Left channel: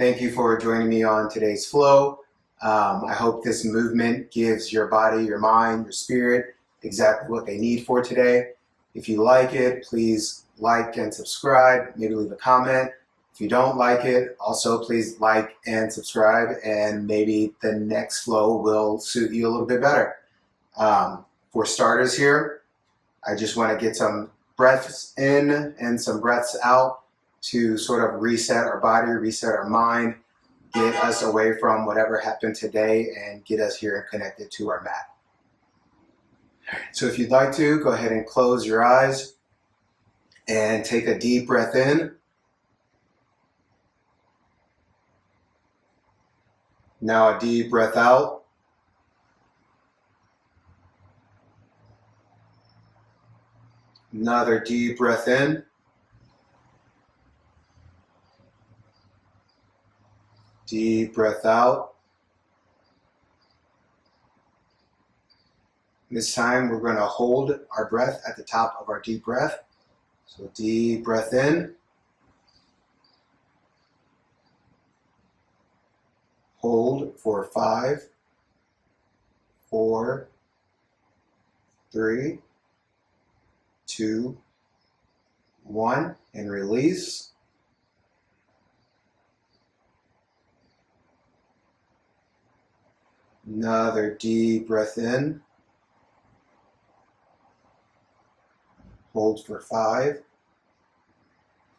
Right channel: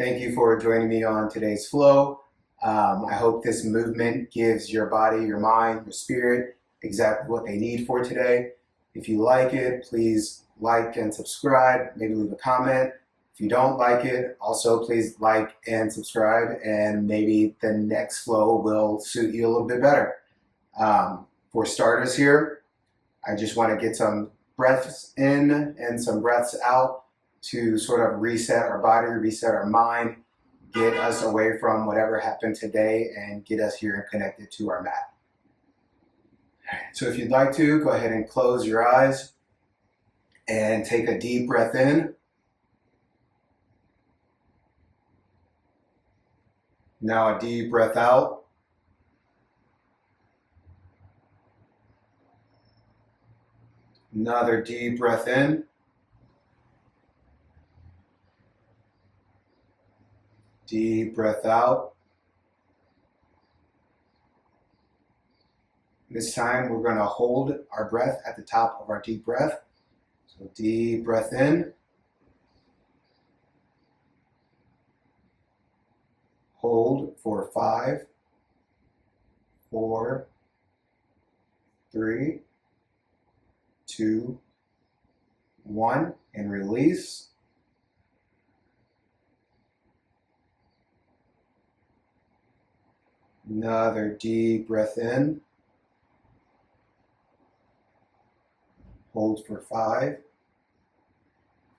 Thank you for joining me on today's flow. I hope this movement gives your body, your mind, your spirit exactly what they need for today. If you like it, please like and subscribe, maybe leave a comment. If you don't like it, also please like and subscribe, and maybe the next flow will suit you a little bit better. For starters here, I just want to get some breaths in and some breaths out to sort of reset our body, reset our mind, get us away from whatever happened today and get us here and connected to our mat. So if you'd like to, go ahead and close your eyes and take a deep breath in. Now a deep breath out. Another deep breath in. Deep breath out. This time we're going to hold our breath at the top of our deep breath. So deep breath in. Hold for 5, 4, 3, 2, 1, and release. Another deep breath in. Hold for 5,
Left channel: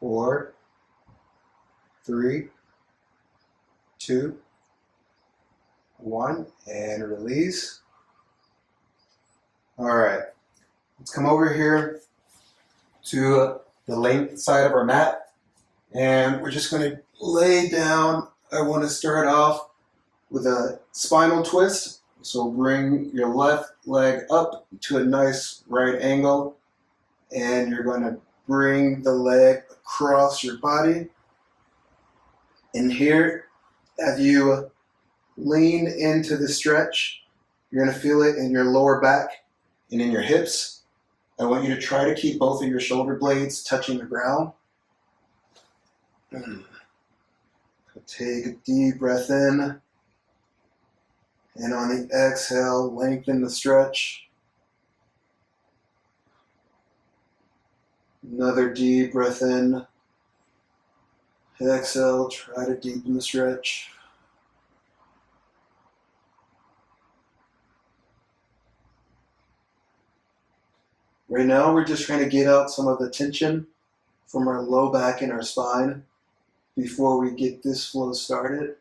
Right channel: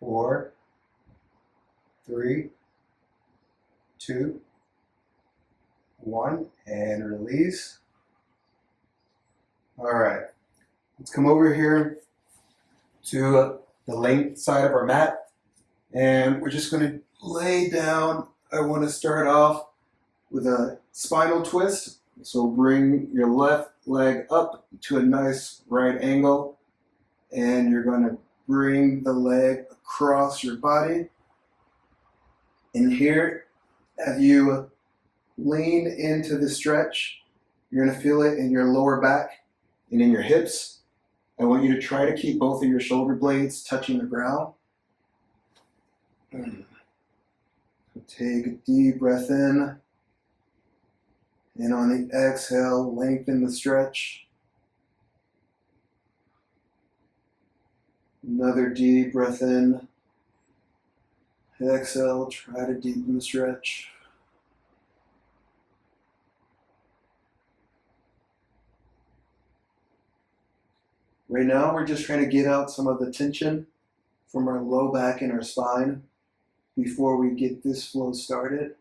4, 3, 2, 1, and release. All right, let's come over here to the length side of our mat, and we're just going to lay down. I want to start off with a spinal twist. So bring your left leg up to a nice right angle, and you're going to bring the leg across your body. And here, as you lean into the stretch, you're going to feel it in your lower back and in your hips. I want you to try to keep both of your shoulder blades touching the ground. Take a deep breath in. And on the exhale, lengthen the stretch. Another deep breath in. Exhale, try to deepen the stretch. Right now, we're just trying to get out some of the tension from our low back and our spine before we get this flow started.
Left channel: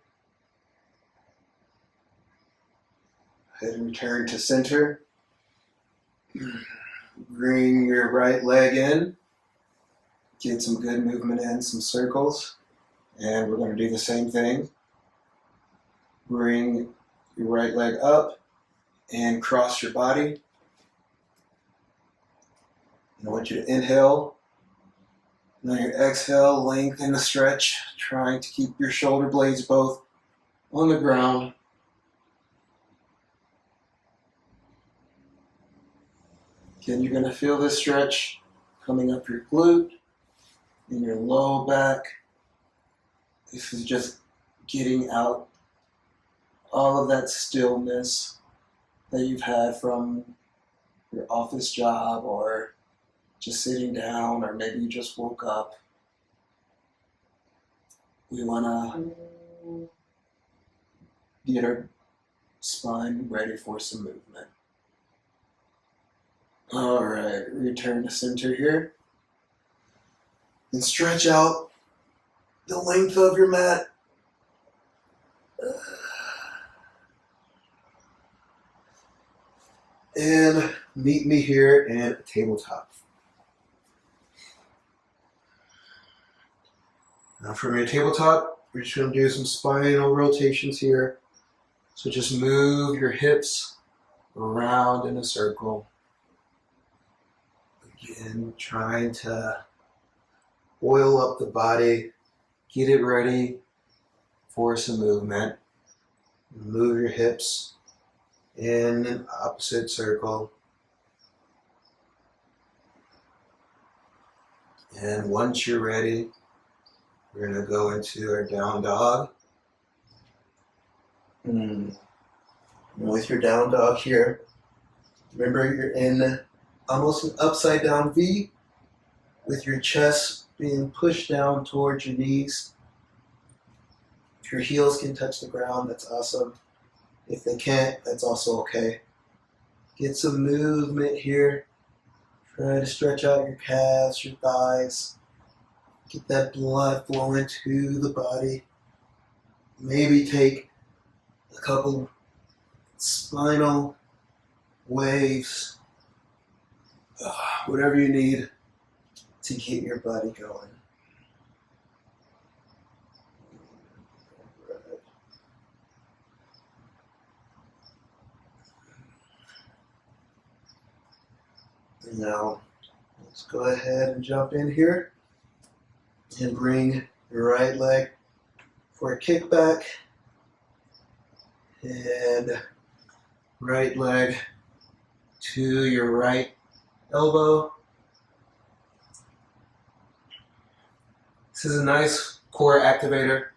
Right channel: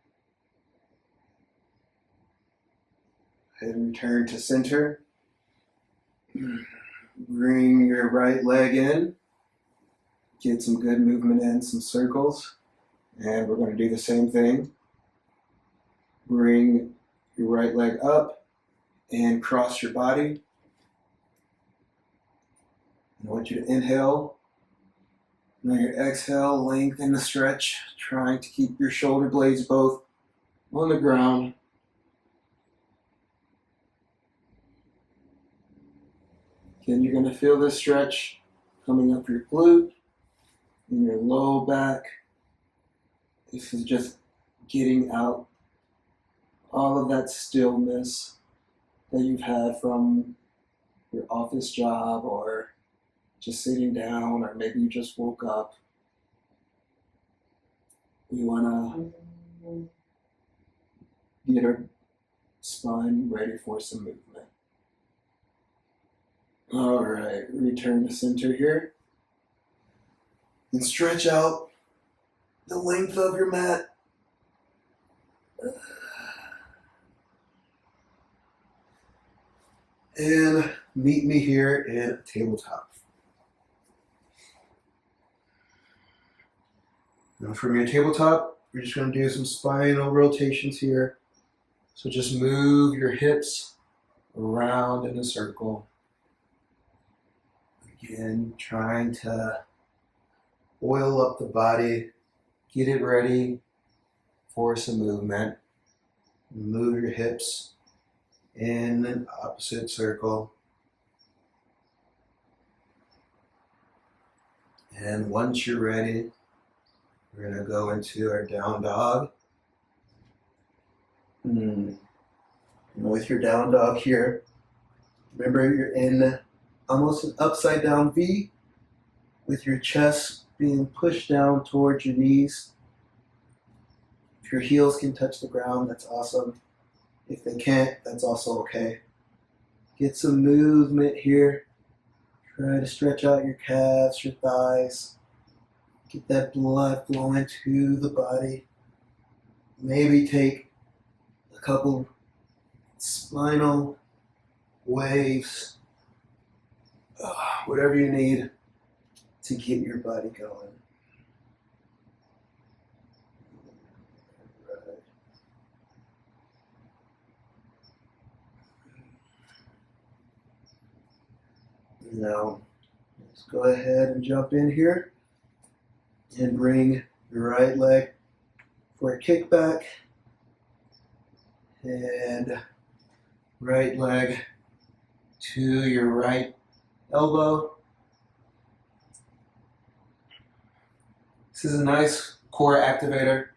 Head and return to center. Bring your right leg in. Get some good movement in, some circles. And we're going to do the same thing. Bring your right leg up and cross your body. And I want you to inhale. And on your exhale, lengthen the stretch, trying to keep your shoulder blades both on the ground. Again, you're going to feel this stretch coming up your glute and your low back. This is just getting out all of that stillness that you've had from your office job, or just sitting down, or maybe you just woke up. We want to get our spine ready for some movement. All right, return to center here. And stretch out the length of your mat. And meet me here in tabletop. Now from your tabletop, we're just going to do some spinal rotations here. So just move your hips around in a circle. Again, trying to oil up the body, get it ready for some movement. Move your hips in an opposite circle. And once you're ready, We're going to go into our down dog. With your down dog here, remember you're in almost an upside down V with your chest being pushed down towards your knees. If your heels can touch the ground, that's awesome. If they can't, that's also okay. Get some movement here. Try to stretch out your calves, your thighs. Get that blood flowing to the body. Maybe take a couple spinal waves, whatever you need to get your body going. And now, let's go ahead and jump in here and bring your right leg for a kickback and right leg to your right elbow. This is a nice core activator.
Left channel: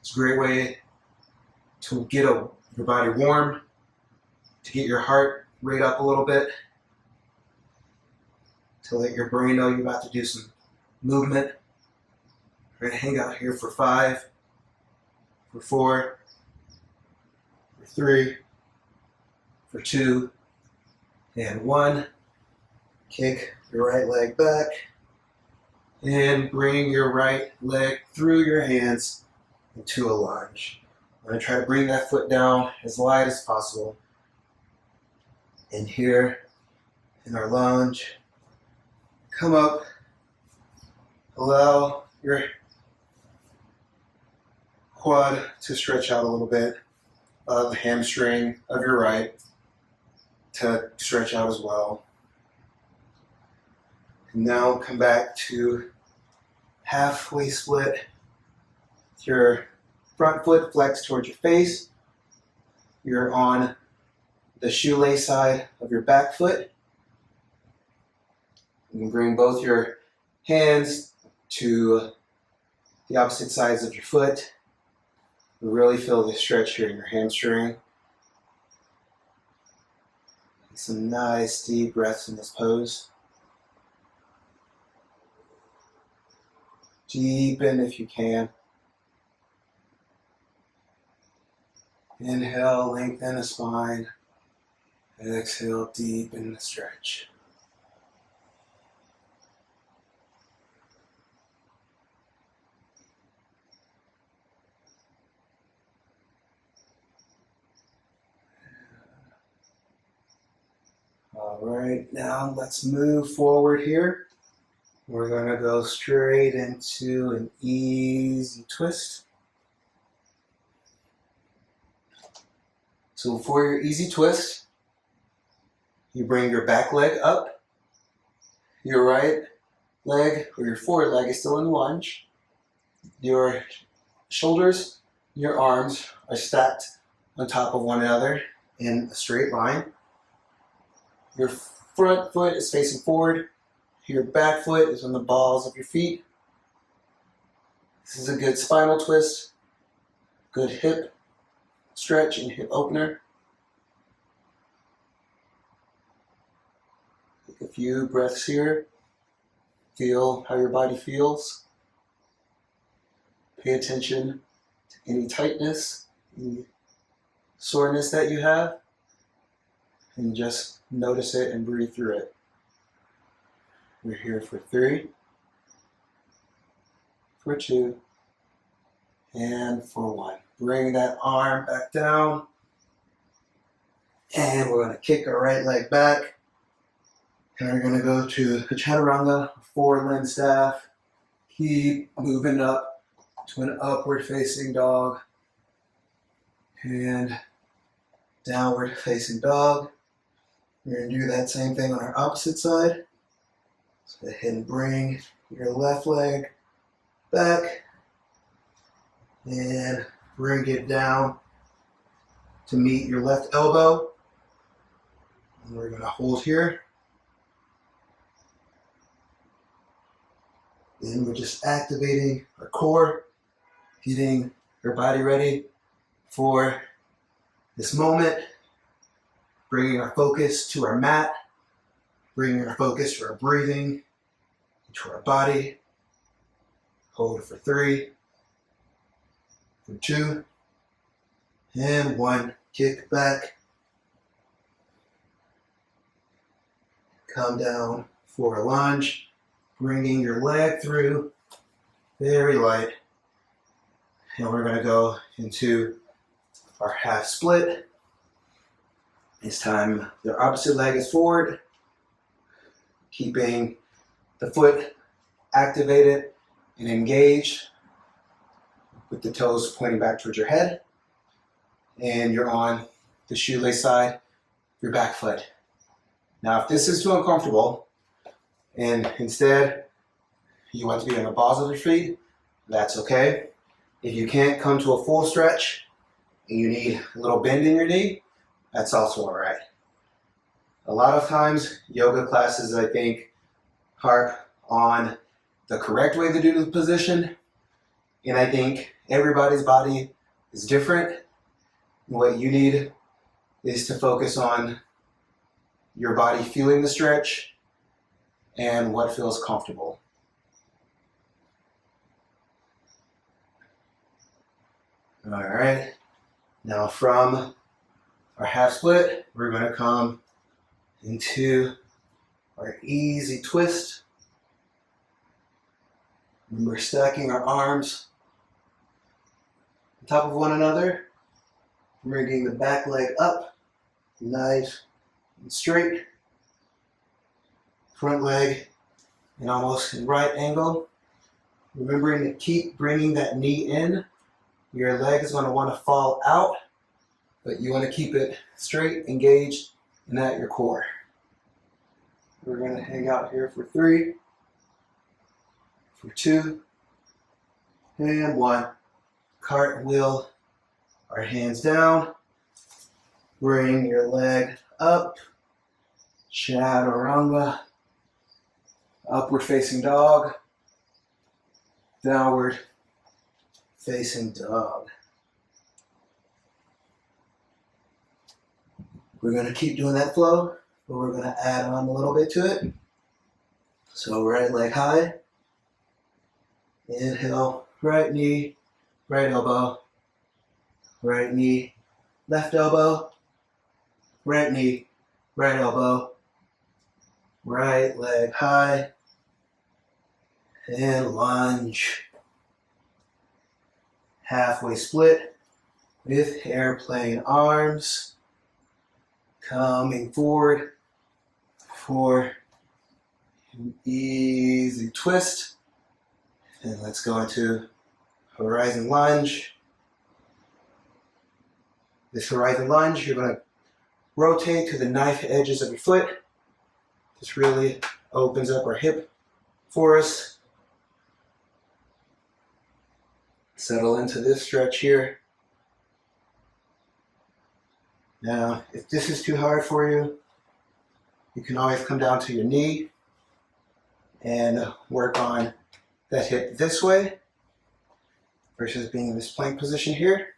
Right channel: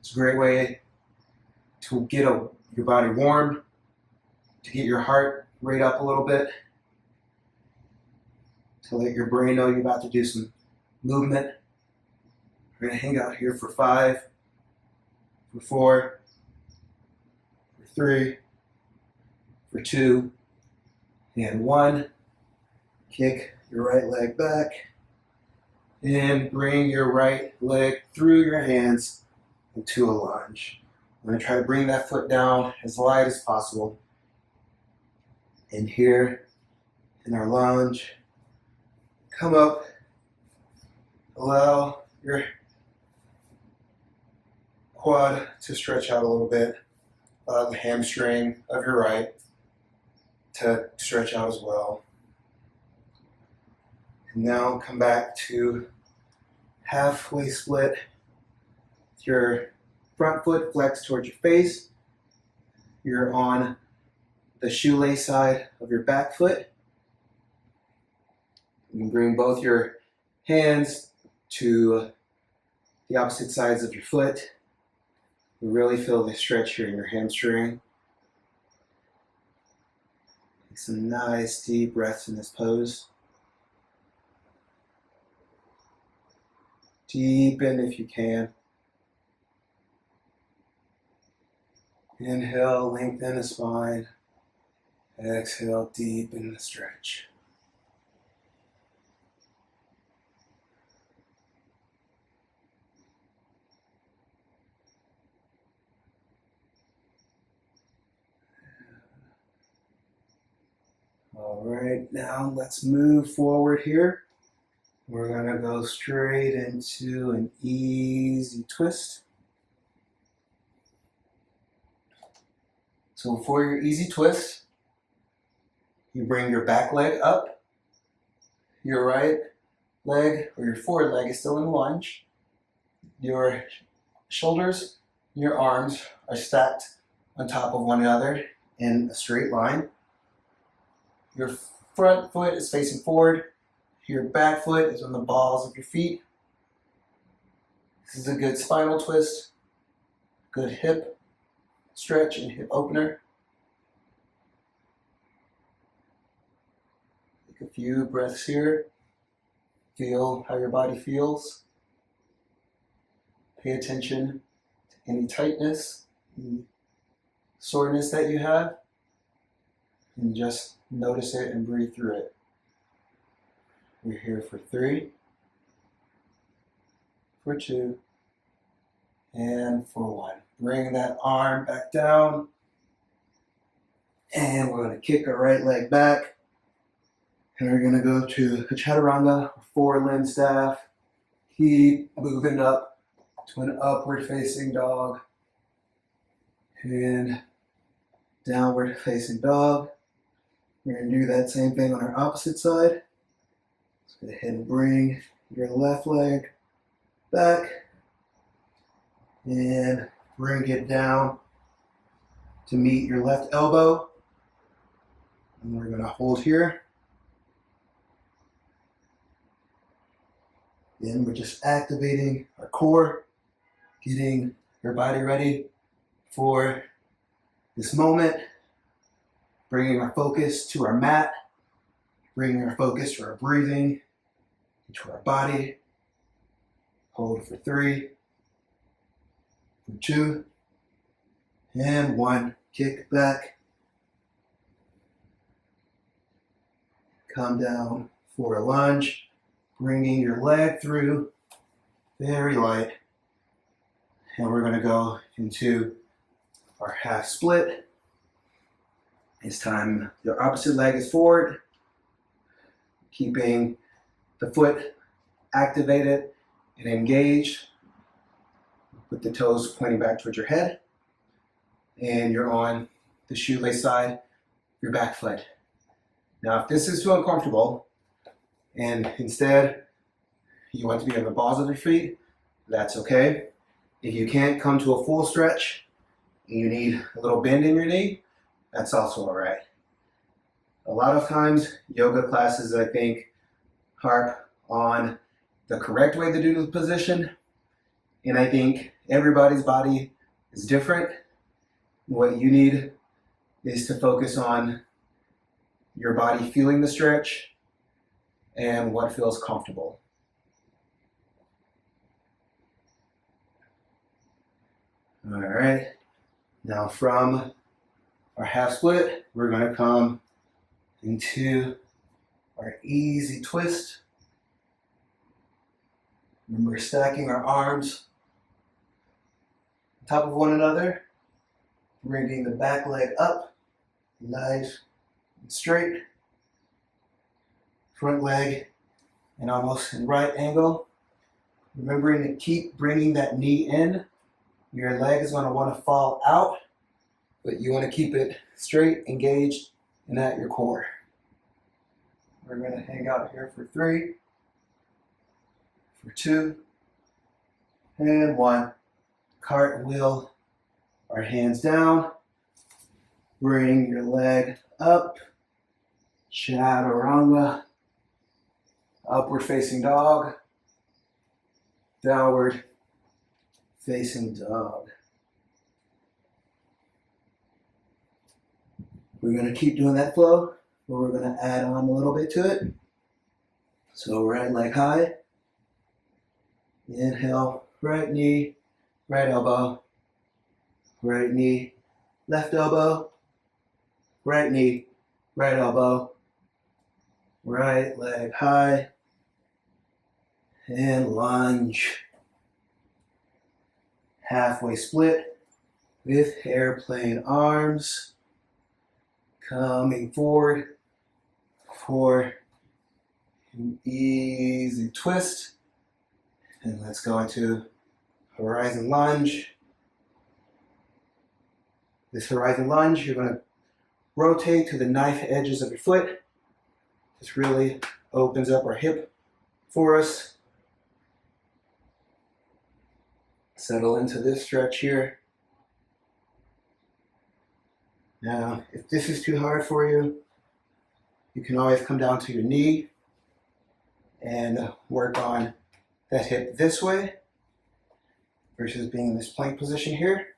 It's a great way to get your body warm, to get your heart rate up a little bit, to let your brain know you're about to do some movement. We're going to hang out here for 5, for 4, for 3, for 2, and 1. Kick your right leg back and bring your right leg through your hands into a lunge. I'm going to try to bring that foot down as light as possible. And here in our lunge, come up, allow your quad to stretch out a little bit, the hamstring of your right to stretch out as well. And now come back to halfway split. Your front foot flexed towards your face. You're on the shoelace side of your back foot. You can bring both your hands to the opposite sides of your foot. You really feel the stretch here in your hamstring. Take some nice deep breaths in this pose. Deepen if you can. Inhale, lengthen the spine. Exhale, deepen the stretch. All right, now let's move forward here. We're going to go straight into an easy twist. So for your easy twist, you bring your back leg up. Your right leg or your forward leg is still in lunge. Your shoulders, your arms are stacked on top of one another in a straight line. Your front foot is facing forward. Your back foot is on the balls of your feet. This is a good spinal twist, good hip stretch and hip opener. Take a few breaths here. Feel how your body feels. Pay attention to any tightness, any soreness that you have, and just notice it and breathe through it. We're here for 3, for 2, and for 1. Bring that arm back down. And we're going to kick our right leg back. And we're going to go to the chaturanga, forward limb staff. Keep moving up to an upward facing dog. And downward facing dog. We're going to do that same thing on our opposite side. So go ahead and bring your left leg back and bring it down to meet your left elbow. And we're going to hold here. Then we're just activating our core. core, getting our body ready for this moment, bringing our focus to our mat, bringing our focus to our breathing, to our body. Hold for 3, for 2, and 1. Kick back. Come down for a lunge, bringing your leg through, very light. And we're going to go into our half split. This time, the opposite leg is forward, keeping the foot activated and engaged with the toes pointing back towards your head. And you're on the shoelace side, your back foot. Now, if this is too uncomfortable and instead you want to be on the balls of your feet, that's okay. If you can't come to a full stretch and you need a little bend in your knee, that's also all right. A lot of times, yoga classes, I think, harp on the correct way to do the position. And I think everybody's body is different. What you need is to focus on your body feeling the stretch and what feels comfortable. All right. Now from our half split, we're going to come into our easy twist. Remember, stacking our arms on top of one another, bringing the back leg up, nice and straight. Front leg and almost in right angle. Remembering to keep bringing that knee in. Your leg is going to want to fall out, but you want to keep it straight, engaged, and at your core. We're going to hang out here for 3, for 2, and 1. Cartwheel our hands down. Bring your leg up. Chaturanga. Upward facing dog. Downward facing dog. We're going to keep doing that flow, but we're going to add on a little bit to it. So right leg high. Inhale, right knee, right elbow. Right knee, left elbow. Right knee, right elbow. Right leg high. And lunge. Halfway split with airplane arms. Coming forward for an easy twist. And let's go into horizon lunge. This horizon lunge, you're going to rotate to the knife edges of your foot. This really opens up our hip for us. Settle into this stretch here. Now, if this is too hard for you, you can always come down to your knee and work on that hip this way versus being in this plank position here.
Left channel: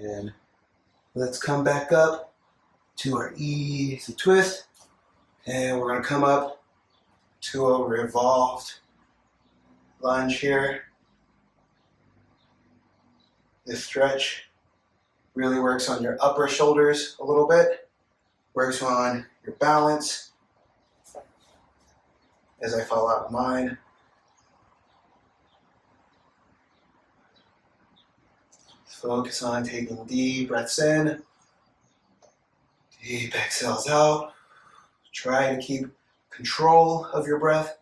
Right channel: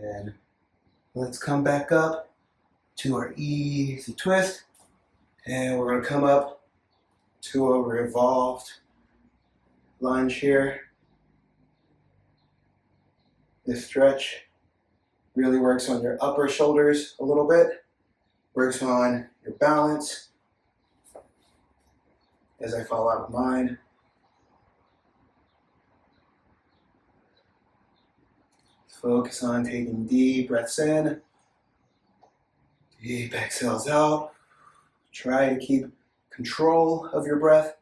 And let's come back up to our easy twist. And we're going to come up to a revolved lunge here. This stretch really works on your upper shoulders a little bit, works on your balance as I fall out of mine. Focus on taking deep breaths in, deep exhales out. Try to keep control of your breath.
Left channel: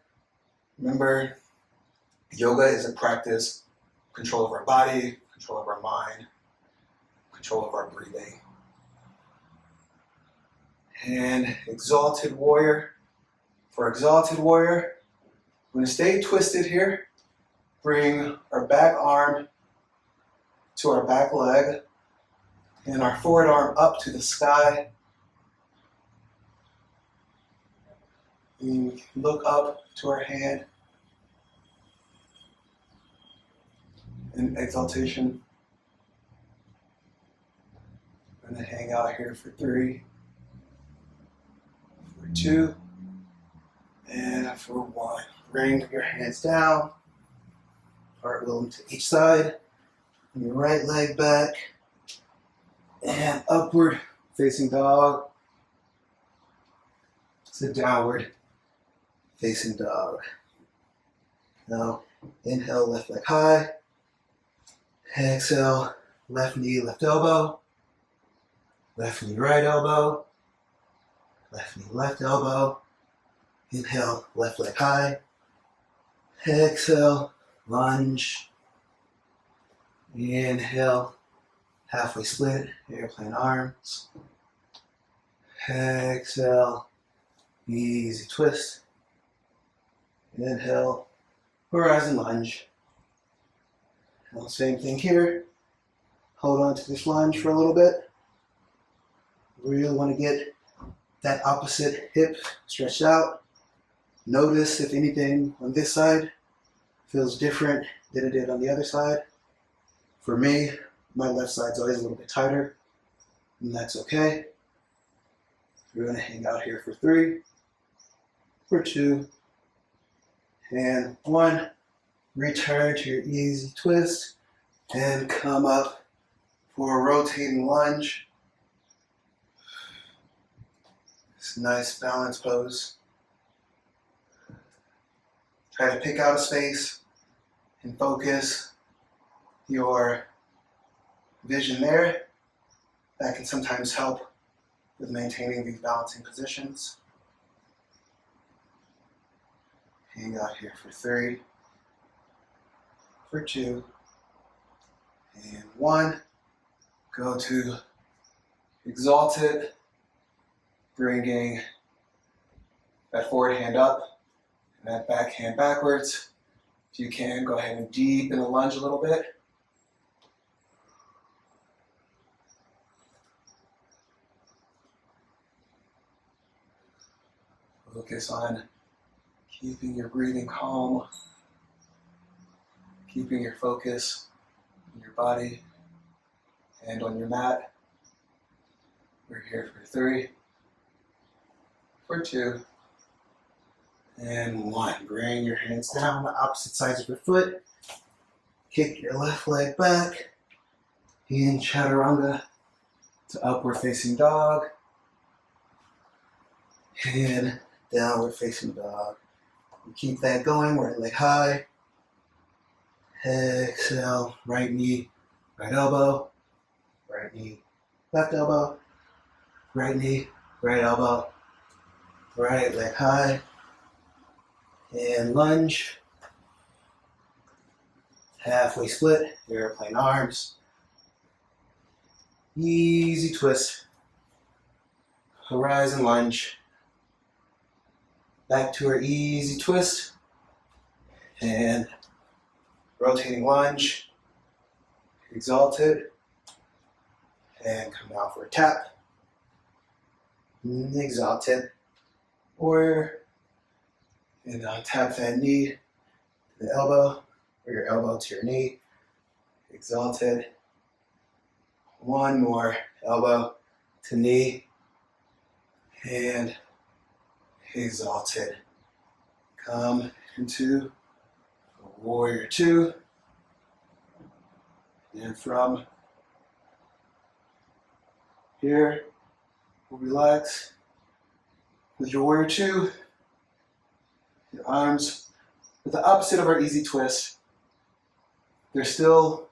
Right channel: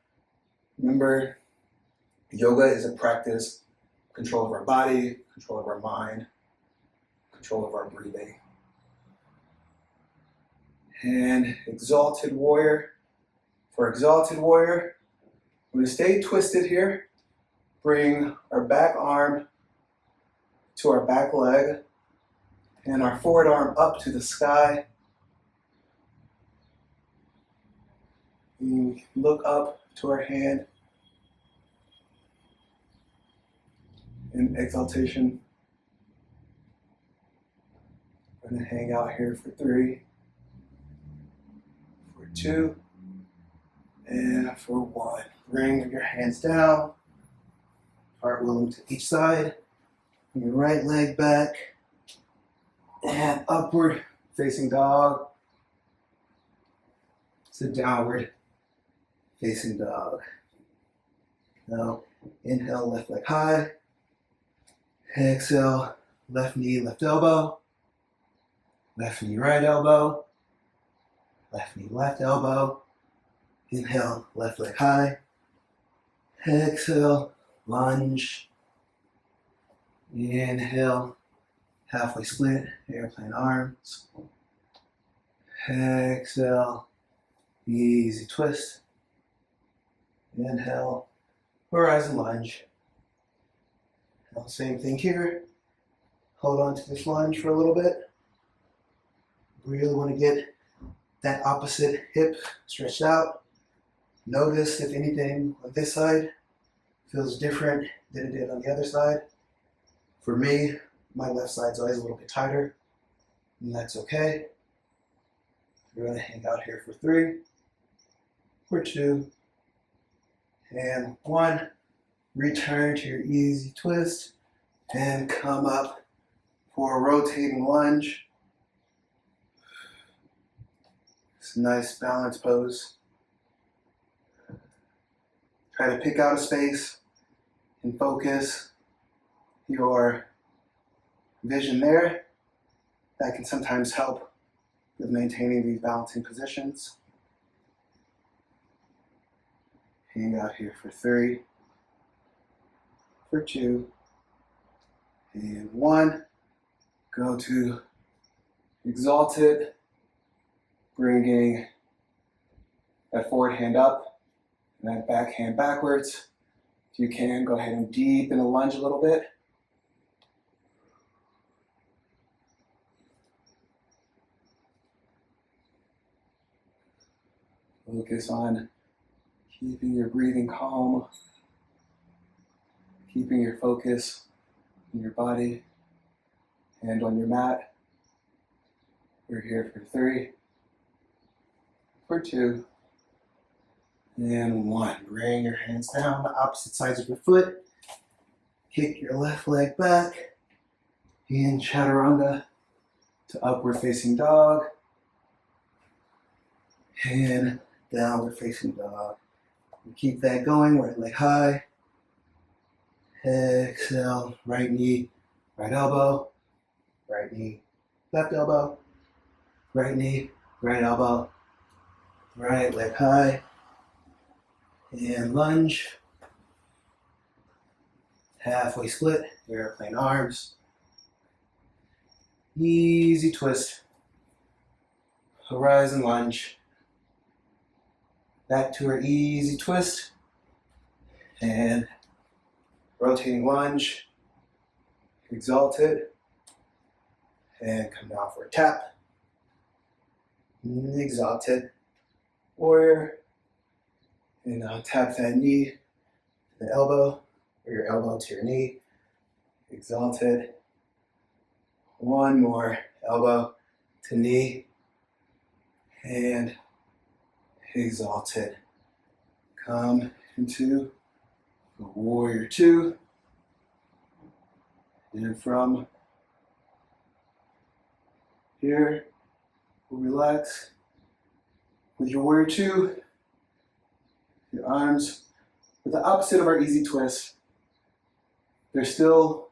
Remember, yoga is a practice, control of our body, control of our mind, control of our breathing. And exalted warrior. For exalted warrior, we're going to stay twisted here. Bring our back arm to our back leg and our forward arm up to the sky. And we can look up to our hand in exaltation. I'm going to hang out here for 3, for 2, and for 1. Bring your hands down, cartwheel them to each side, your right leg back, and upward facing dog. So downward facing dog. Now inhale, left leg high. Exhale, left knee, left elbow. Left knee, right elbow. Left knee, left elbow. Inhale, left leg high. Exhale, lunge. Inhale, halfway split, airplane arms. Exhale, easy twist. Inhale, horizon lunge. Now, same thing here. Hold on to this lunge for a little bit. Really want to get that opposite hip stretched out. Notice if anything on this side feels different than it did on the other side. For me, my left side's always a little bit tighter, and that's okay. We're going to hang out here for 3, for 2, and 1. Return to your easy twist and come up for a rotating lunge. It's a nice balance pose. Try to pick out a space and focus your vision there. That can sometimes help with maintaining these balancing positions. Hang out here for 3, for 2, and 1. Go to exalted, bringing that forward hand up and that back hand backwards. If you can, go ahead and deepen the lunge a little bit. Focus on keeping your breathing calm, keeping your focus on your body and on your mat. We're here for 3, for 2, and 1. Bring your hands down the opposite sides of your foot. Kick your left leg back in chaturanga to upward facing dog and downward facing dog. And keep that going, right leg high. Exhale, right knee, right elbow, right knee, left elbow, right knee, right elbow, right leg high, and lunge. Halfway split, airplane arms. Easy twist, horizon lunge. Back to our easy twist, and rotating lunge, exalted, and come down for a tap, exalted, warrior, and now tap that knee to the elbow, or your elbow to your knee, exalted, 1 more, elbow to knee, and exalted. Come into warrior 2, and from here, we'll relax with your warrior 2, your arms with the opposite of our easy twist. They're still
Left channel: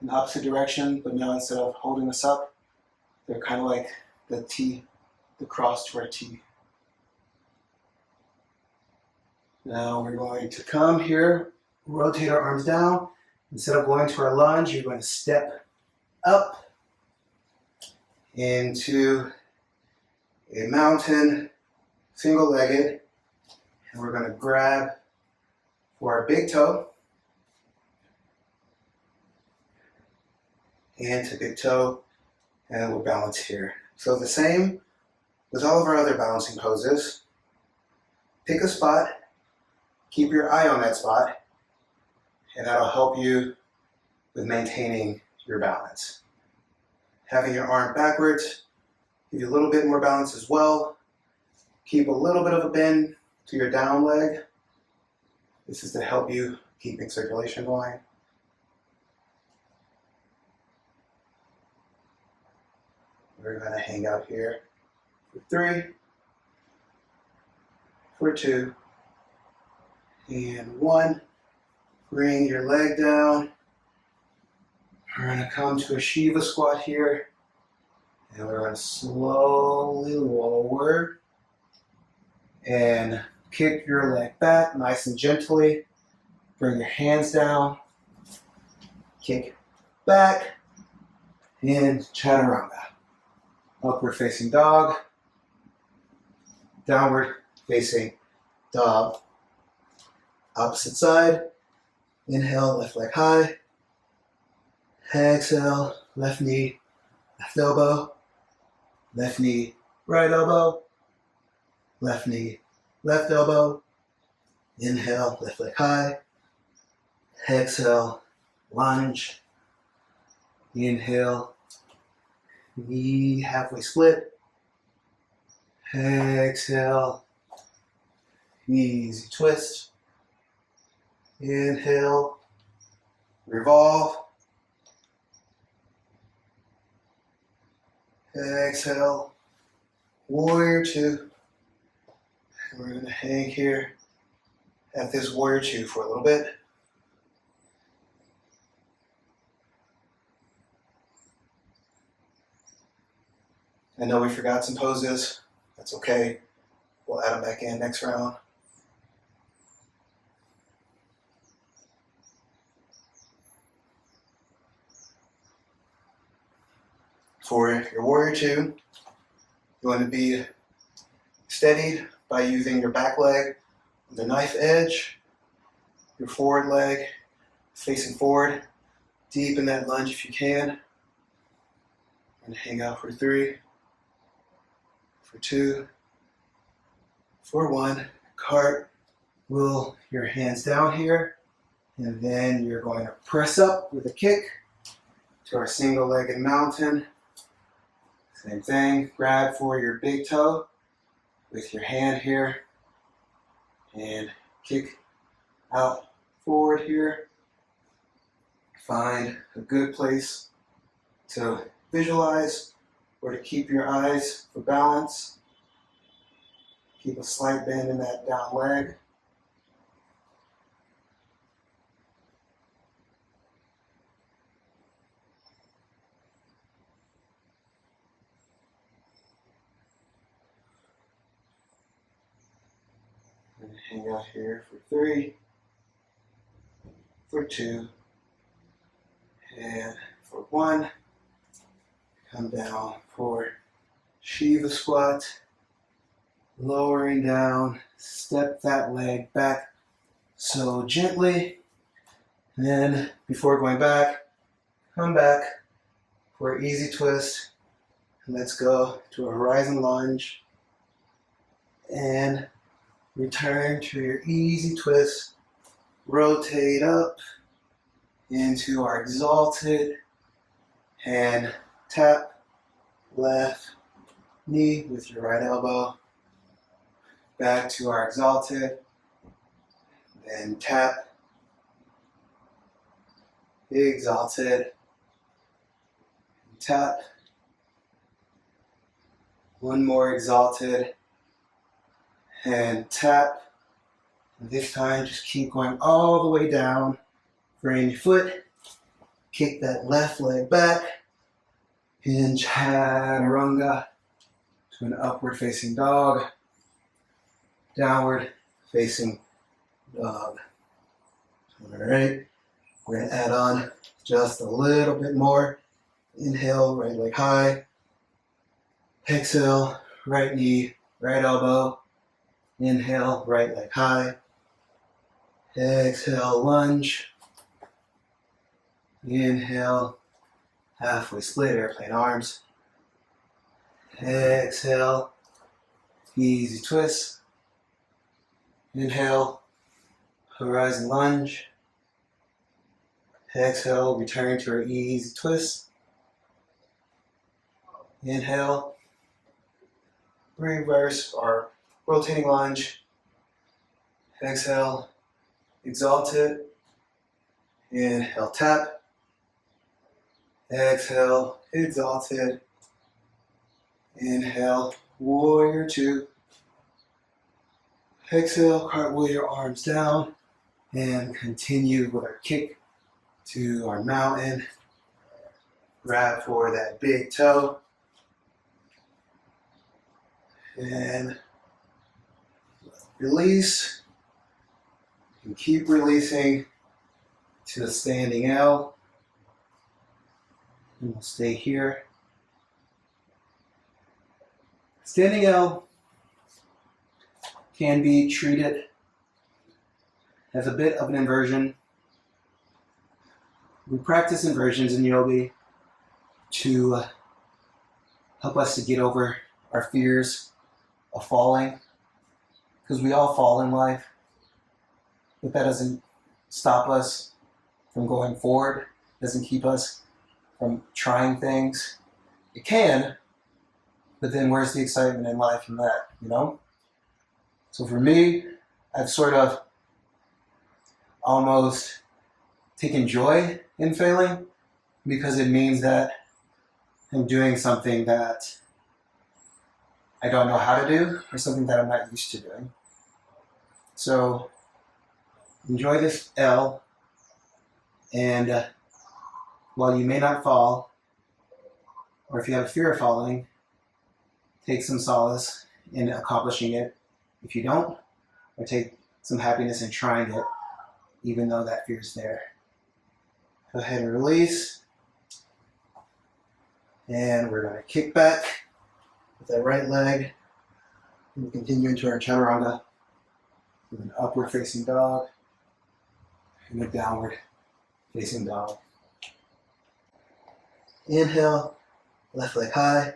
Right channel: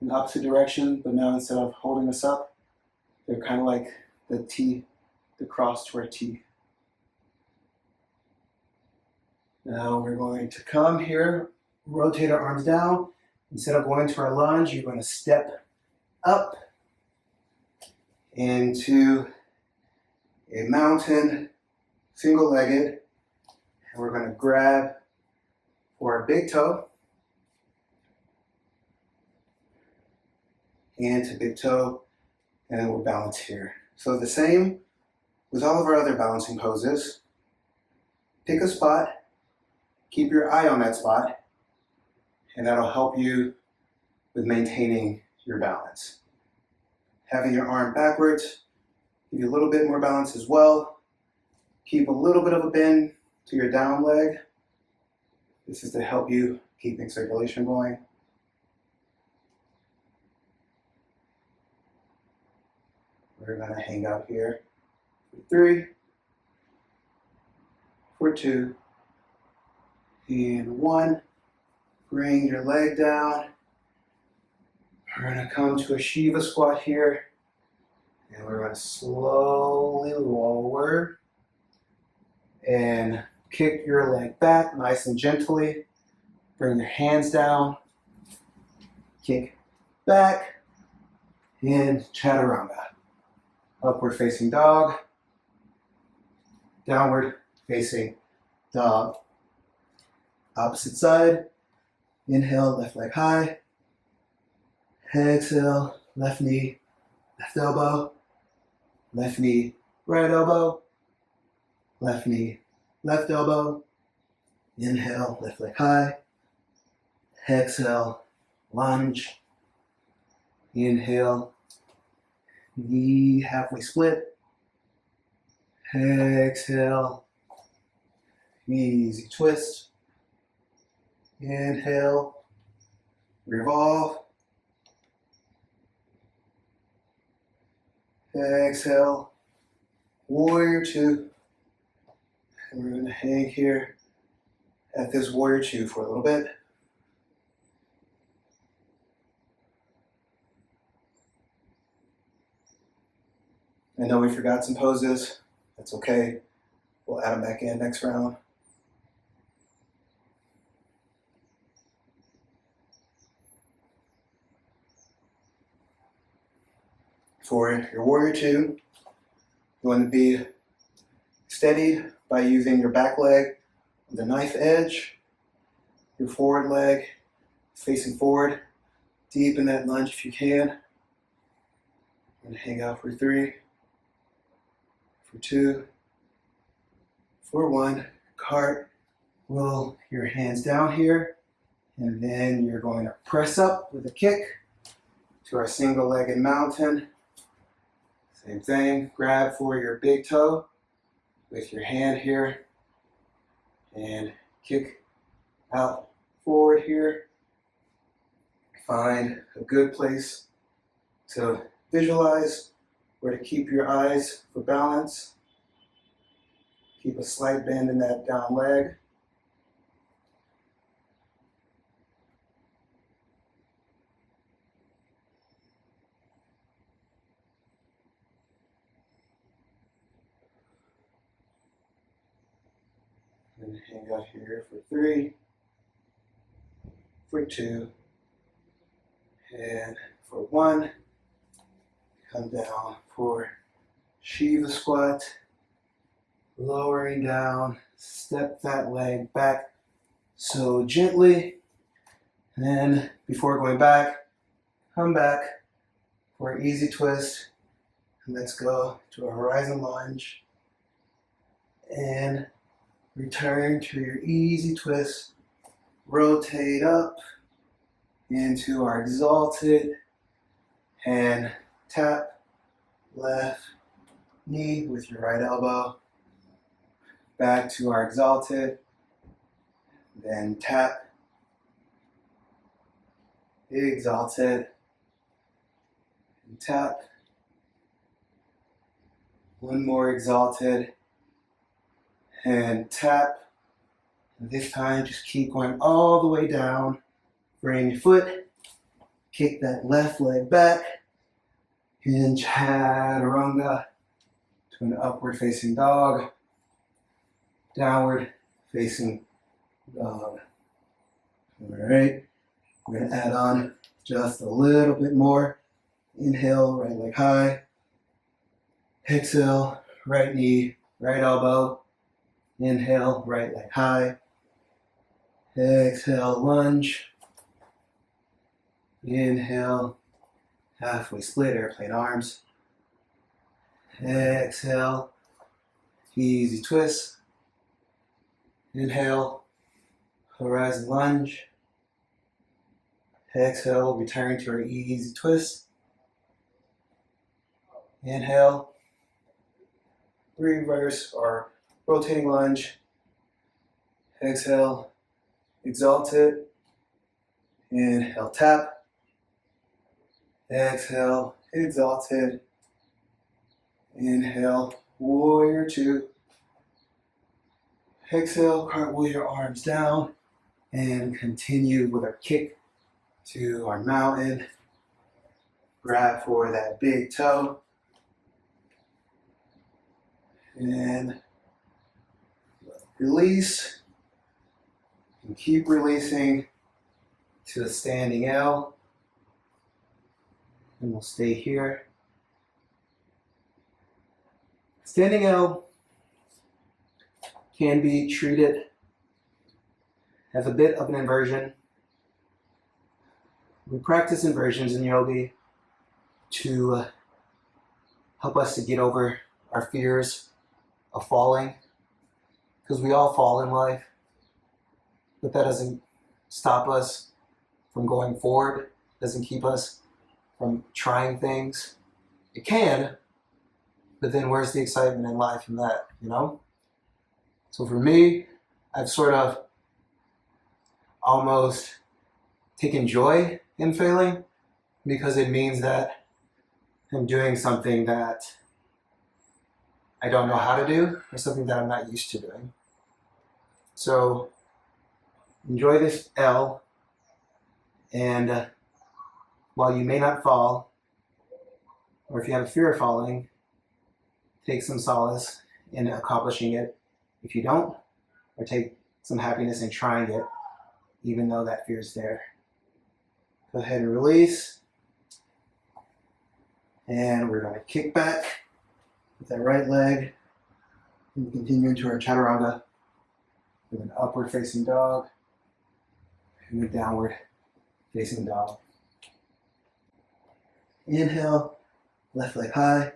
in the opposite direction, but now instead of holding us up, they're kind of like the T, the cross to our T. Now we're going to come here, rotate our arms down. Instead of going to our lunge, you're going to step up into a mountain, single-legged, and we're going to grab for our big toe, hand to big toe, and we'll balance here. So the same with all of our other balancing poses. Pick a spot, keep your eye on that spot, and that'll help you with maintaining your balance. Having your arm backwards, give you a little bit more balance as well. Keep a little bit of a bend to your down leg. This is to help you keeping circulation going. We're going to hang out here for 3, for 2, and 1. Bring your leg down. We're going to come to a Shiva squat here. And we're going to slowly lower and kick your leg back nice and gently. Bring your hands down. Kick back. And chaturanga. Upward facing dog. Downward facing dog. Opposite side. Inhale, left leg high. Exhale, left knee, left elbow. Left knee, right elbow. Left knee, left elbow. Inhale, left leg high. Exhale, lunge. Inhale, knee halfway split. Exhale, easy twist. Inhale, revolve. Exhale, warrior 2. And we're going to hang here at this warrior 2 for a little bit. I know we forgot some poses. That's okay. We'll add them back in next round. For your warrior 2, you want to be steadied by using your back leg on the knife edge, your forward leg facing forward, deep in that lunge if you can. And hang out for 3, for 2, for 1. Cartwheel your hands down here, and then you're going to press up with a kick to our single-legged mountain. Same thing, grab for your big toe with your hand here and kick out forward here. Find a good place to visualize where to keep your eyes for balance. Keep a slight bend in that down leg. And hang out here for 3, for 2, and for 1. Come down for Shiva squat. Lowering down, step that leg back so gently. And then before going back, come back for an easy twist. And let's go to a horizon lunge. And return to your easy twist. Rotate up into our exalted. Hand tap left knee with your right elbow. Back to our exalted. Then tap. Exalted. And tap. One more exalted. And tap. And this time just keep going all the way down. Bring your foot. Kick that left leg back. In chaturanga to an upward facing dog. Downward facing dog. All right. We're going to add on just a little bit more. Inhale, right leg high. Exhale, right knee, right elbow. Inhale, right leg high. Exhale, lunge. Inhale, halfway split, airplane arms. Exhale, easy twist. Inhale, horizon lunge. Exhale, return to our easy twist. Inhale, reverse or rotating lunge. Exhale, exalted. Inhale, tap. Exhale, exalted. Inhale, warrior two. Exhale, cartwheel your arms down. And continue with our kick to our mountain. Grab for that big toe. And release. And keep releasing to a standing L. And we'll stay here. Standing L can be treated as a bit of an inversion. We practice inversions in yoga to help us to get over our fears of falling, because we all fall in life, but that doesn't stop us from going forward, doesn't keep us from trying things. It can, but then where's the excitement in life in that, you know? So for me, I've sort of almost taken joy in failing, because it means that I'm doing something that I don't know how to do, or something that I'm not used to doing. So enjoy this L, and while you may not fall, or if you have a fear of falling, take some solace in accomplishing it if you don't, or take some happiness in trying it, even though that fear is there. Go ahead and release. And we're going to kick back with that right leg. And we continue into our chaturanga with an upward facing dog and a downward facing dog. Inhale, left leg high.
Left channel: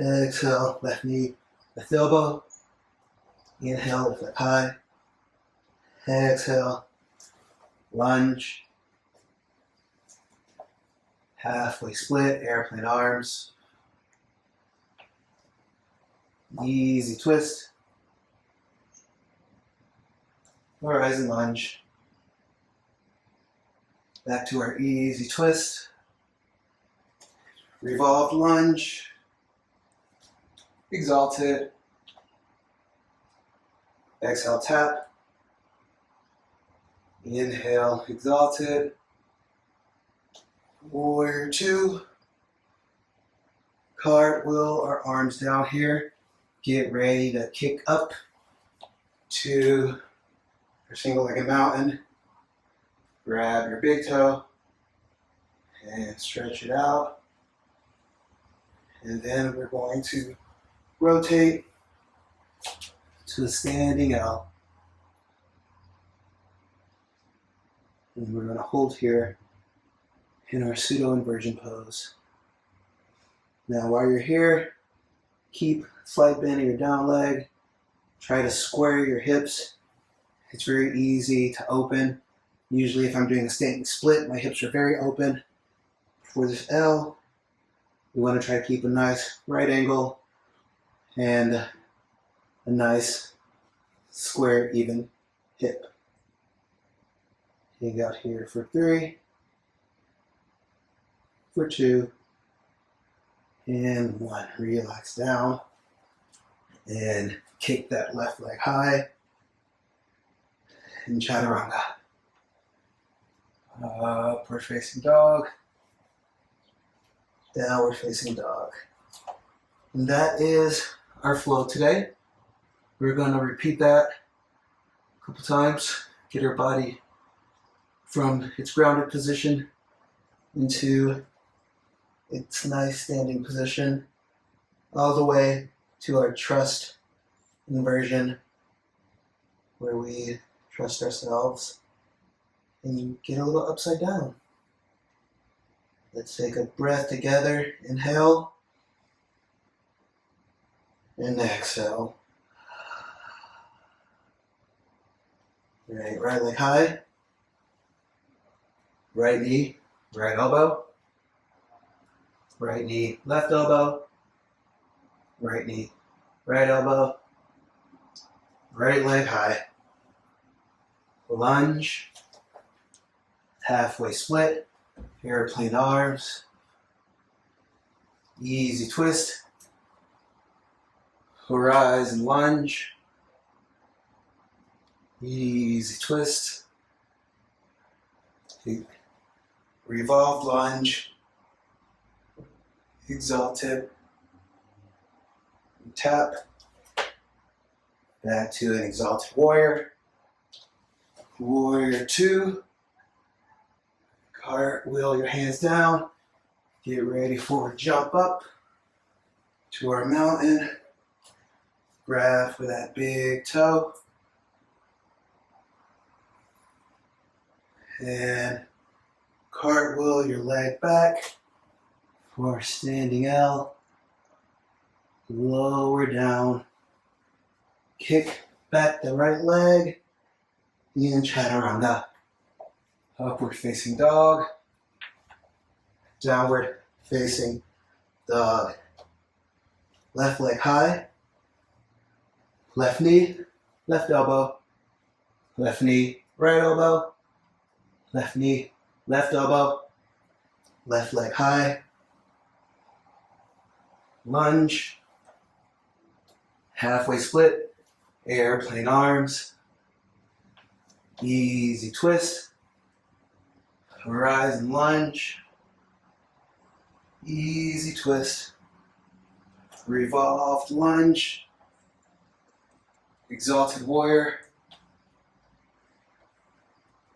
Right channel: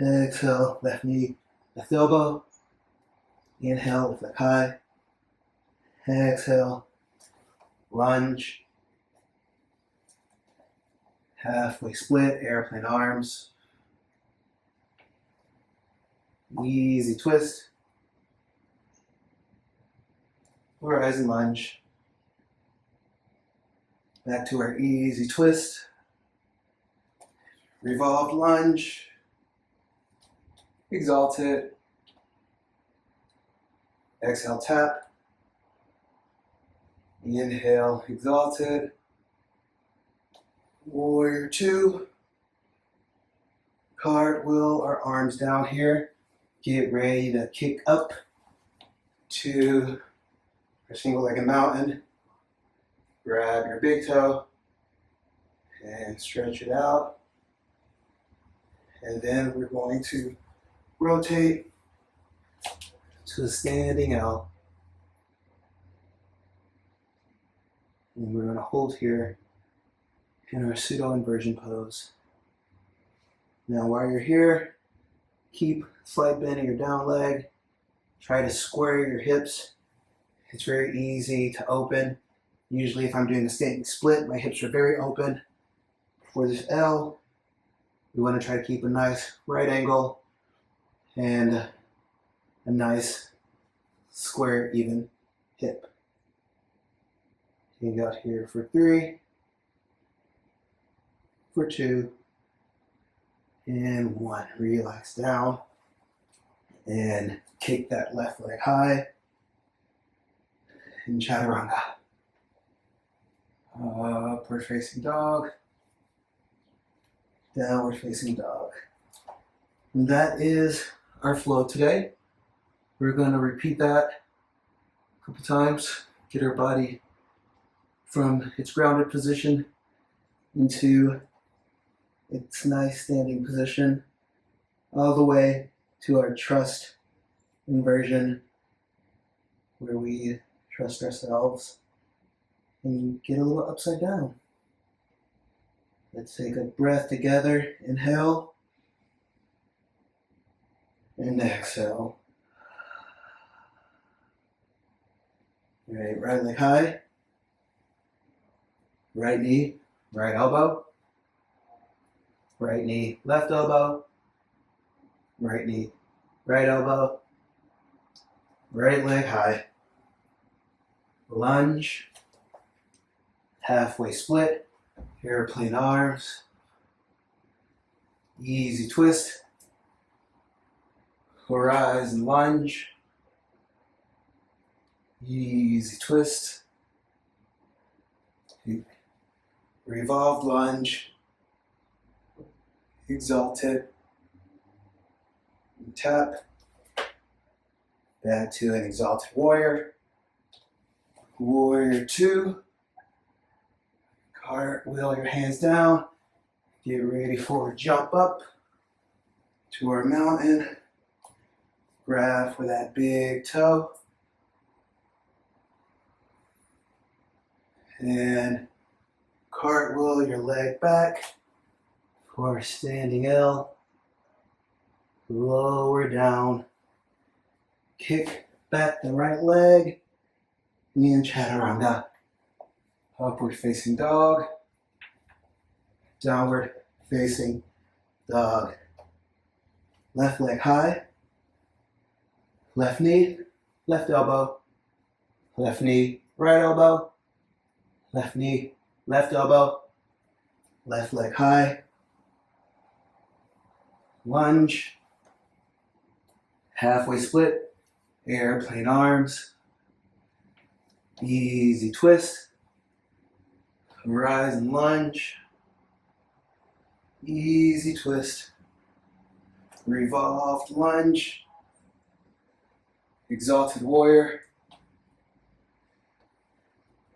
Exhale, left knee, left elbow. Inhale, left leg high. Exhale, lunge. Halfway split, airplane arms. Easy twist. Horizon lunge. Back to our easy twist. Revolved lunge. Exalted. Exhale, tap. Inhale, exalted. Warrior two. Cartwheel our arms down here. Get ready to kick up to our single-legged mountain. Grab your big toe and stretch it out. And then we're going to rotate to a standing L. And we're going to hold here in our pseudo inversion pose. Now while you're here, keep slight bend in your down leg. Try to square your hips. It's very easy to open. Usually if I'm doing a standing split, my hips are very open. For this L, we want to try to keep a nice right angle and a nice square, even hip. You got here for 3, for 2, and 1. Relax down and kick that left leg high in chaturanga. Upward facing dog, downward facing dog. And that is our flow today. We're going to repeat that a couple times, get our body from its grounded position into its nice standing position, all the way to our trust inversion, where we trust ourselves and get a little upside down. Let's take a breath together. Inhale and exhale. Great, right leg high. Right knee, right elbow. Right knee, left elbow. Right knee, right elbow. Right leg high. Lunge. Halfway split. Airplane arms. Easy twist. Horizon lunge. Easy twist. Revolved lunge. Exalted. Tap. Back to an exalted warrior. Warrior 2. Cartwheel your hands down. Get ready for a jump up to our mountain. Grab for that big toe. And cartwheel your leg back for a standing L. Lower down. Kick back the right leg. And chaturanga. Upward facing dog. Downward facing dog. Left leg high. Left knee, left elbow. Left knee, right elbow. Left knee, left elbow. Left leg high. Lunge. Halfway split. Airplane arms. Easy twist. Horizon lunge. Easy twist. Revolved lunge. Exalted warrior.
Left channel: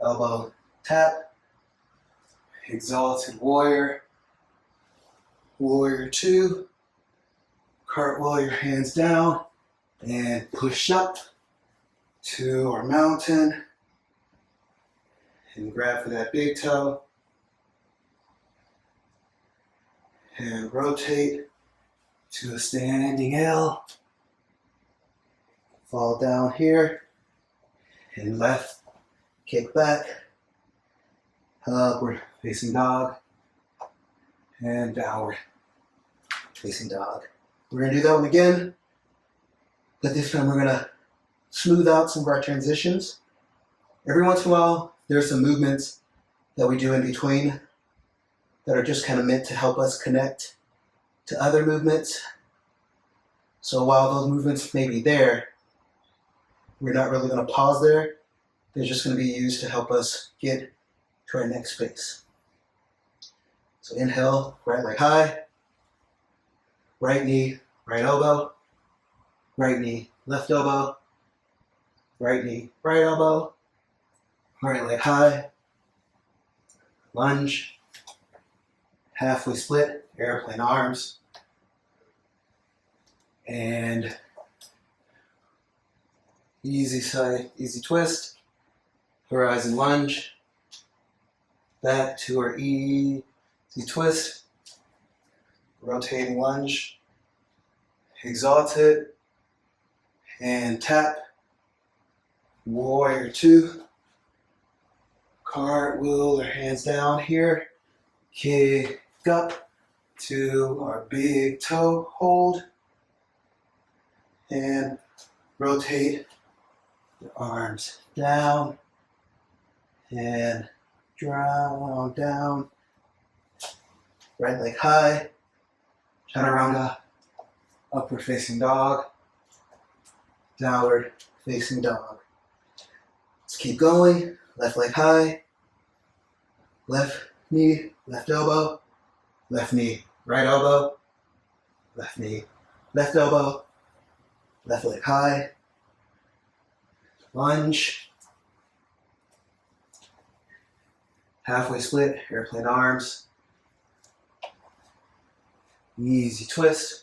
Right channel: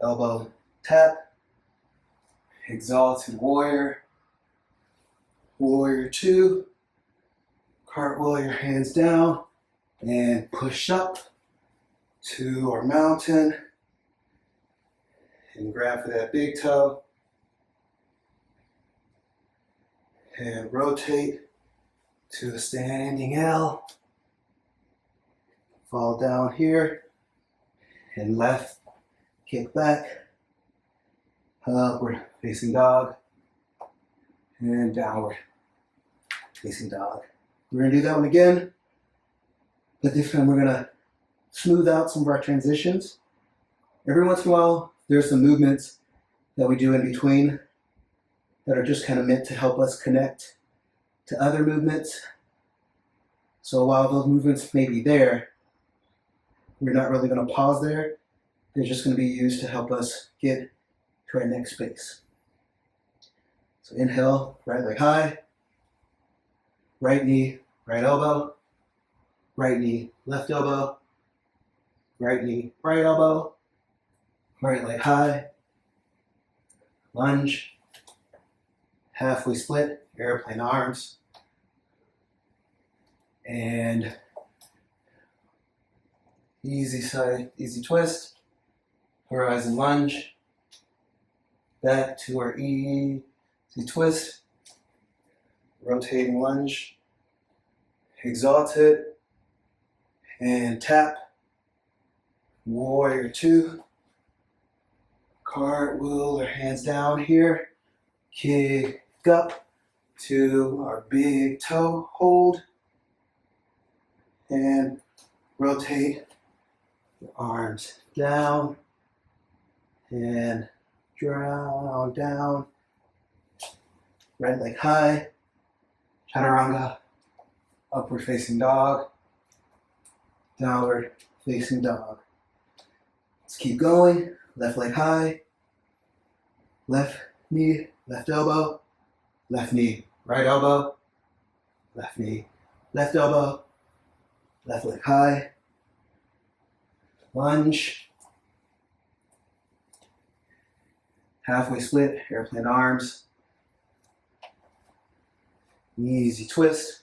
Elbow tap. Exalted warrior. Warrior 2. Cartwheel your hands down and push up to our mountain. And grab for that big toe. And rotate to a standing L. Fall down here. And left, kick back. Upward facing dog. And downward facing dog. We're going to do that one again. But this time we're going to smooth out some of our transitions. Every once in a while, there are some movements that we do in between that are just kind of meant to help us connect to other movements. So while those movements may be there, we're not really going to pause there. They're just going to be used to help us get to our next space. So inhale, right leg high. Right knee, right elbow. Right knee, left elbow. Right knee, right elbow. Right leg high. Lunge. Halfway split, airplane arms. And easy side, easy twist. Horizon lunge. Back to our easy twist. Rotating lunge. Exalted. And tap. Warrior 2. Cartwheel our hands down here. Kick up to our big toe. Hold. And rotate the arms down. And draw down. Right leg high. Chaturanga. Upward facing dog. Downward facing dog. Let's keep going. Left leg high. Left knee, left elbow. Left knee, right elbow. Left knee, left elbow. Left leg high. Lunge. Halfway split, airplane arms. Easy twist.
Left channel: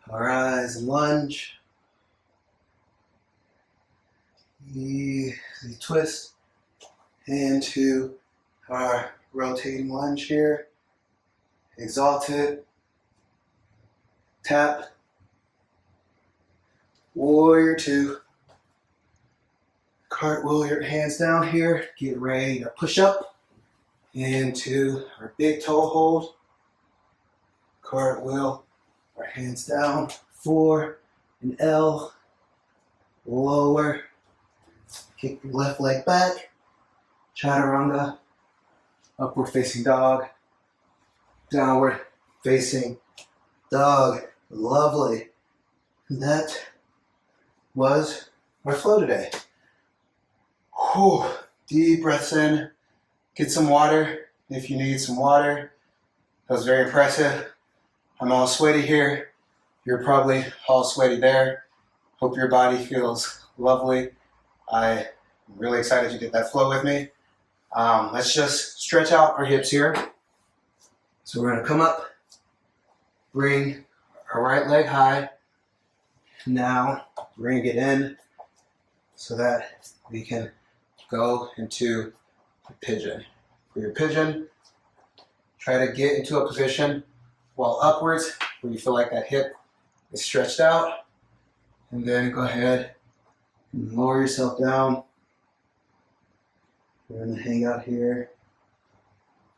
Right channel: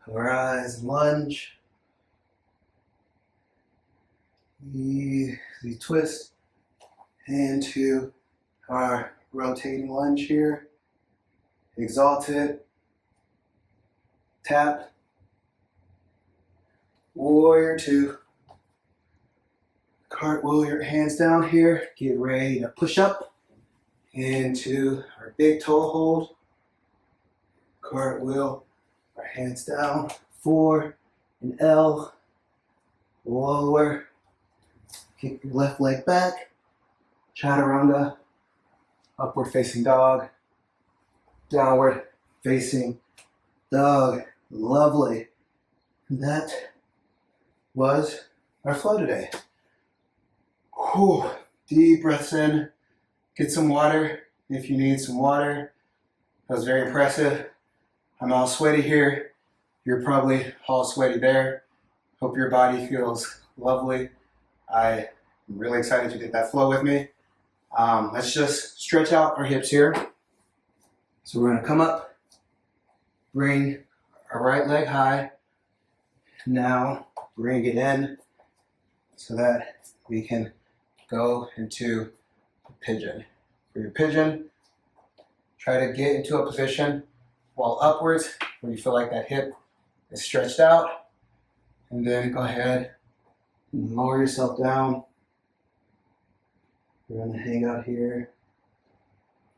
Horizon lunge. Easy twist. Into our rotating lunge here. Exalted. Tap. Warrior 2. Cartwheel your hands down here. Get ready to push up into our big toe hold. Cartwheel our hands down for an L. Lower. Kick your left leg back. Chaturanga. Upward facing dog. Downward facing dog. Lovely. That was our flow today. Whew. Deep breaths in. Get some water if you need some water. That was very impressive. I'm all sweaty here. You're probably all sweaty there. Hope your body feels lovely. I'm really excited you did that flow with me. Let's just stretch out our hips here. So we're going to come up, bring our right leg high. Now we're going to get in so that we can go into the pigeon. For your pigeon, try to get into a position while upwards where you feel like that hip is stretched out. And then go ahead and lower yourself down. We're going to hang out here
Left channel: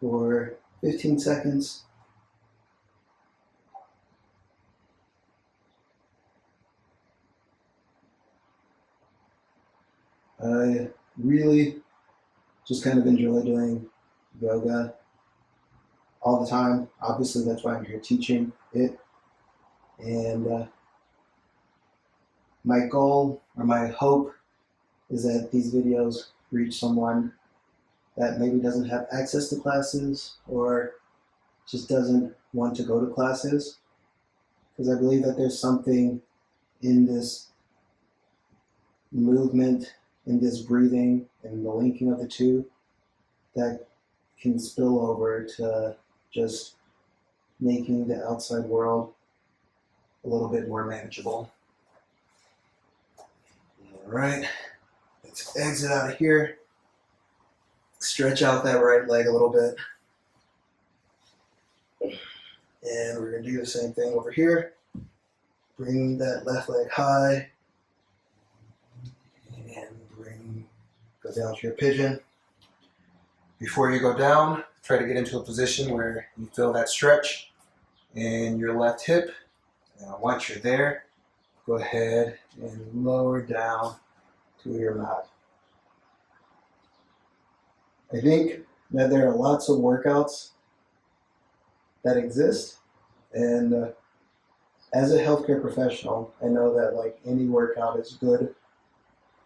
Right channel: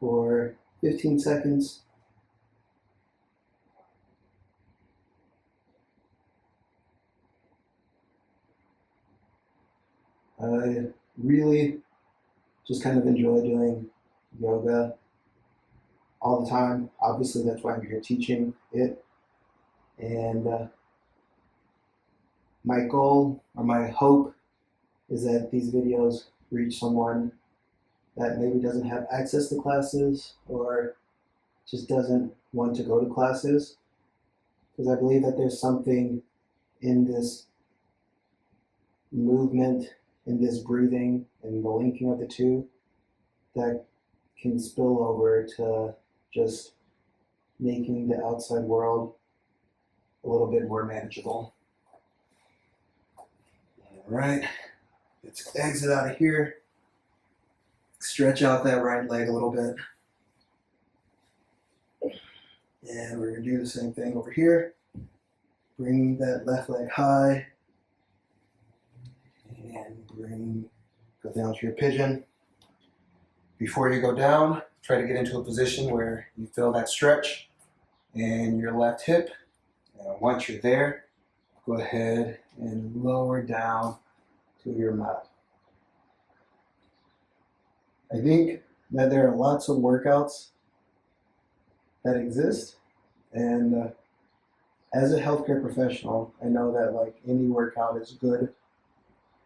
for 15 seconds. I really just kind of enjoy doing yoga all the time. Obviously, that's why I'm here teaching it. And my goal or my hope is that these videos reach someone that maybe doesn't have access to classes or just doesn't want to go to classes. Because I believe that there's something in this movement, in this breathing, and the linking of the two that can spill over to just making the outside world a little bit more manageable. All right, let's exit out of here. Stretch out that right leg a little bit. And we're going to do the same thing over here. Bring that left leg high. And go down to your pigeon. Before you go down, try to get into a position where you feel that stretch in your left hip. And once you're there, go ahead and lower down to your mat. I think that there are lots of workouts that exist, and as a healthcare professional, I know that like any workout is good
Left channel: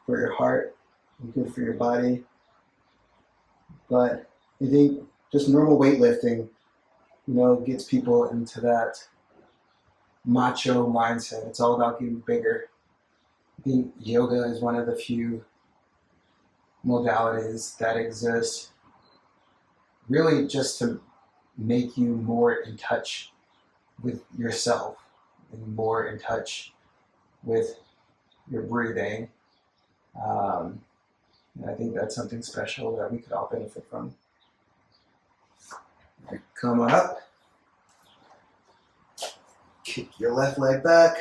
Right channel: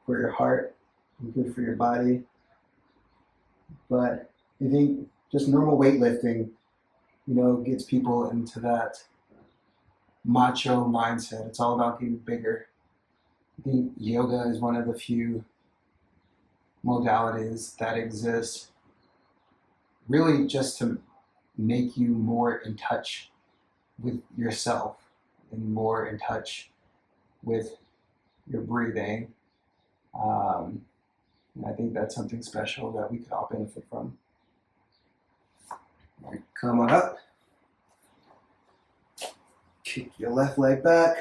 for your heart and good for your body, but I think just normal weightlifting, gets people into that macho mindset. It's all about getting bigger. I think yoga is one of the few modalities that exist really just to make you more in touch with yourself and more in touch with your breathing. And I think that's something special that we could all benefit from. All right, come on up. Kick your left leg back.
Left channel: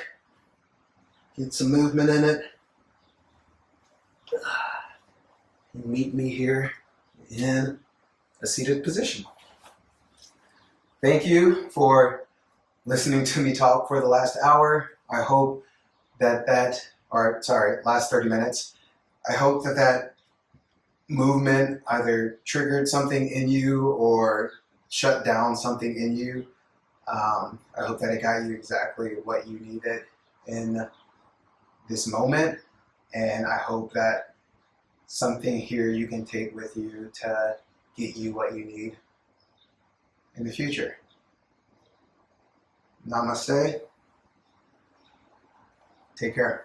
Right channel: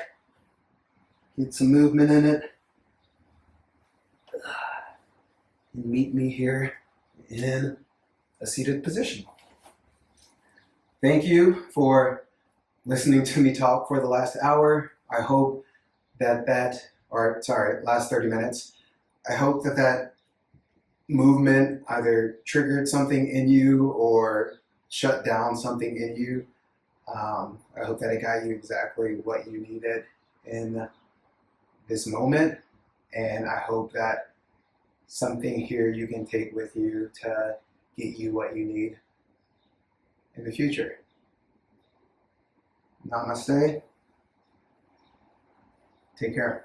Get some movement in it. Meet me here in a seated position. Thank you for listening to me talk for the last hour. I hope last 30 minutes. I hope that movement either triggered something in you or shut down something in you. I hope that it got you exactly what you needed in this moment. And I hope that something here you can take with you to get you what you need in the future. Namaste. Take care.